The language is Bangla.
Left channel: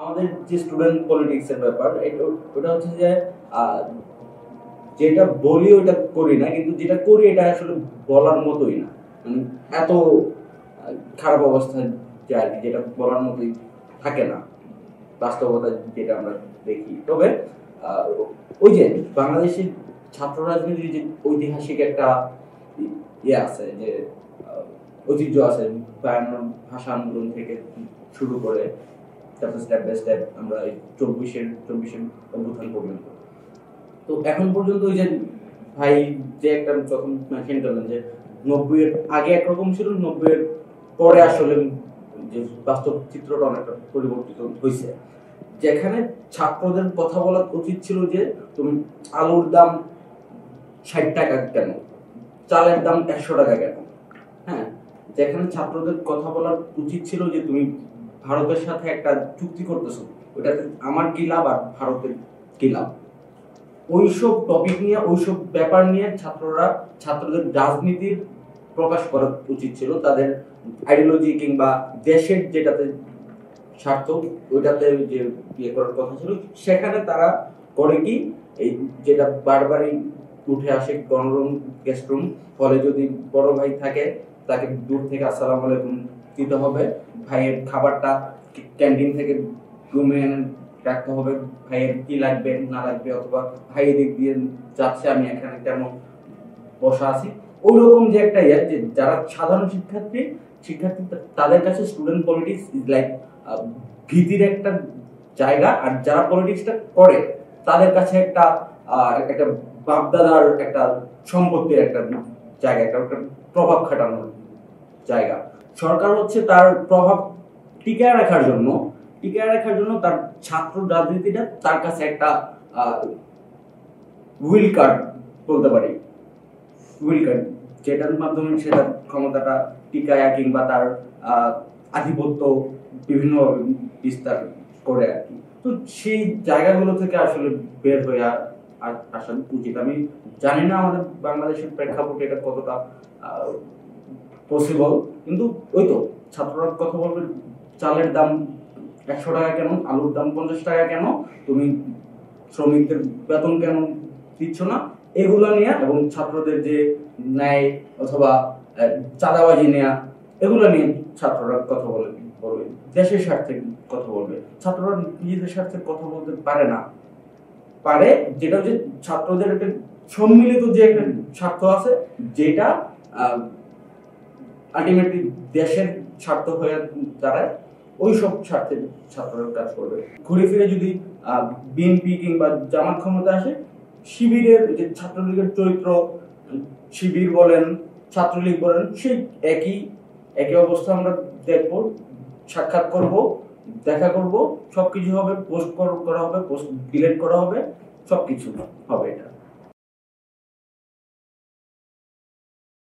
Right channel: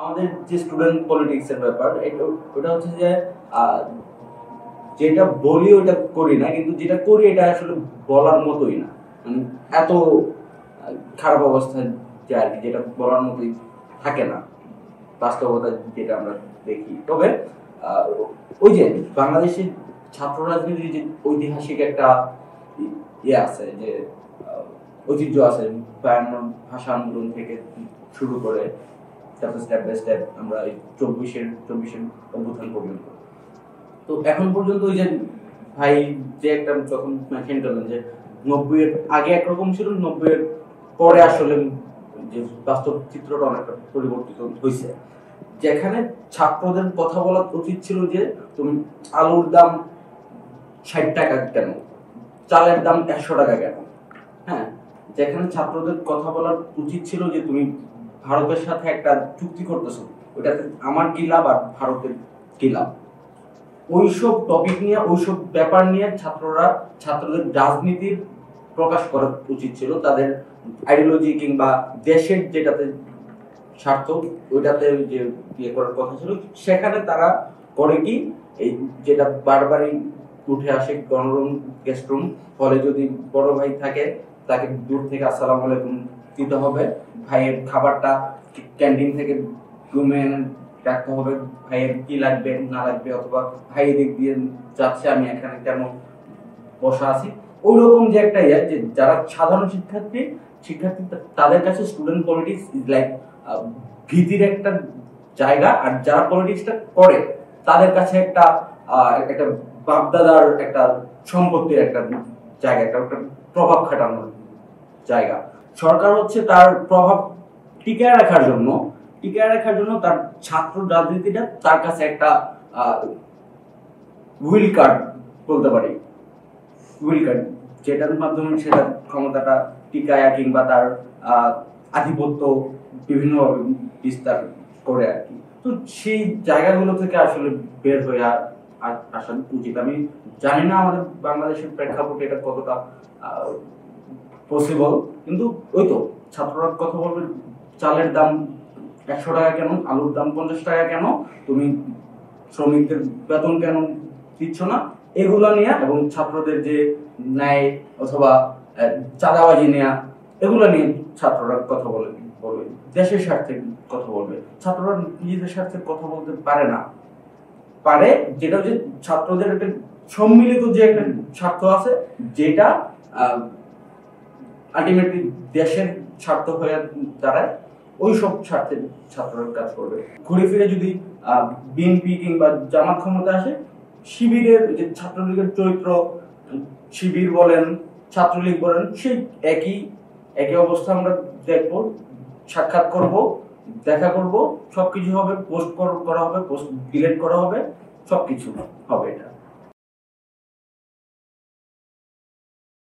আমাদের যে স্টুডেন্ট পলিটিক্স এর ব্যাপার ওটা হচ্ছে যে যেটা বলি ওটা করি না, কিন্তু যেটা করি এটা আসলে বলার মতোই না। মানে এত খারাপ অবস্থায় যায় আর কি, যেটা বলার মতোই থাকে না বাস্তবতা যেটা আমরা দেখি। তবে ওই যে বাংলাদেশের ছাত্র রাজনীতির যে ঐতিহাসিক একটা ইয়ে আছে, যে ঐতিহ্য আছে, ভাষা আন্দোলন থেকে শুরু করে তারপর স্টেপ বাই স্টেপ আমরা এই চব্বিশের অভ্যুত্থান পর্যন্ত। তো এখন পর্যন্ত ওই যে ভাই যে একটা যখন মেনশন করলেন যে 90 এর আগে একরকম ছিল, 90 এর পরে আসলে যে বাস্তব চিত্রটা অনেকটা পরিবর্তিত হয়েছে। যেখানে ছাত্রদের কথা বলা উচিত ছিল যে তুমি আলুর দাম 60 টাকা কেন, চালের দাম 100 টাকা কেন। হ্যাঁ, যেখানে ছাত্রদের কথা বলার উচিত ছিল যে তুমি ভারতের সাথে একটা চুক্তি করতেছো, ওটাতে আমার কি লাভ আর ভারতের কি লাভ। ওইসব টপিক নিয়ে, ওইসব ব্যাপার নিয়ে ছাত্রদের রাজনীতির প্রকাশ করা উচিত ছিল, তাদের আইডিওলজি কিংবা দেশের যেটাতে স্বার্থ ওইটাতে যে ইয়ে করার কথা ছিল। সেখানে তারা করে কি, এই যেটা বারবারই উঠে আসে, গণরুম গেস্ট রুম, ফলে যদি বড় ভাই থাকে তাকে দূর থেকে আসসালামু আলাইকুম দিতে হবে, ভাইয়ের খাবারটা ক্যান্টিন থেকে রুমে রাখতে হবে, ভাইয়ের কি লাগবে না লাগবে, অথবা ভাই দিক দিয়ে যাচ্ছে আমি এখানে কেন বসা আছি। ওইরকম যে একটা ইয়ে, যে যারা সাধারণ শিক্ষার্থী তাদের কাছে স্টুডেন্ট পলিটিক্স ইজ লাইক ভীতির একটা জায়গা, আর যারা পলিটিক্সটা করে তাদের কাছে একটা একটা বাপদাদার একটা সম্পত্তির একটা জায়গা, একটা প্রভাব খাটানোর জায়গা। সরকার হচ্ছে তার প্রভাব টিকায় রাখার জন্য তার ছাত্র রাজনীতিটা তার কাছে একটা হুইল কার্ড বলতে পারি, হুইল কার্ড, যেটার মাধ্যমে সেটা ক্ষমতাটা টিকায় কিংবা তার আধিপত্য বিভিন্ন বিস্তার করে আর কি। তো সেই জায়গাগুলো থেকে আসলে বের হয়ে আসা উচিত। আমি জানি না আমাদের বাংলাদেশের প্রেক্ষাপটে এটা কতটা পসিবল, কিন্তু ওই তো ছাত্ররা কথা বলবে চালের দাম 100 টাকা কেন, আলুর দাম 50 টাকা কেন, তুমি শ্রমিকদের বেতন কেন দিচ্ছ না, এগুলো নিয়ে, এবং ছাত্রদের যে ন্যায় অথবা চাঁদাবাজি নেয়া, এগুলো নিয়ে ছাত্ররা কথা বলবে, দেশের স্বার্থে কথা বলবে। ছাত্ররা নিজেদের স্বার্থে কথা বলতে পারে, যেটা হচ্ছে ছাত্রদের একটা সম্মিলিত যে একটা স্বার্থ আছে, যেটা আলটিমেটলি দেশের স্বার্থ হয়ে দাঁড়ায়। ওই সব স্বার্থে ছাত্ররা কাজ করবে। ঘুরে ফিরে যদি বিএনপি কিংবা জামাত ক্ষমতা আসে, শিবিরের যে ছাত্রলীগের চরিত্র, শিবির বলেন ছাত্রলীগ বলেন, সেই একই অবস্থা আমরা দেখবো, সাক্ষাৎ করব, দেখা করব, সবকিছু হবে, পোস্ট করা হবে, পোস্ট ডিলিট করা হবে, সবকিছু হবে এটা।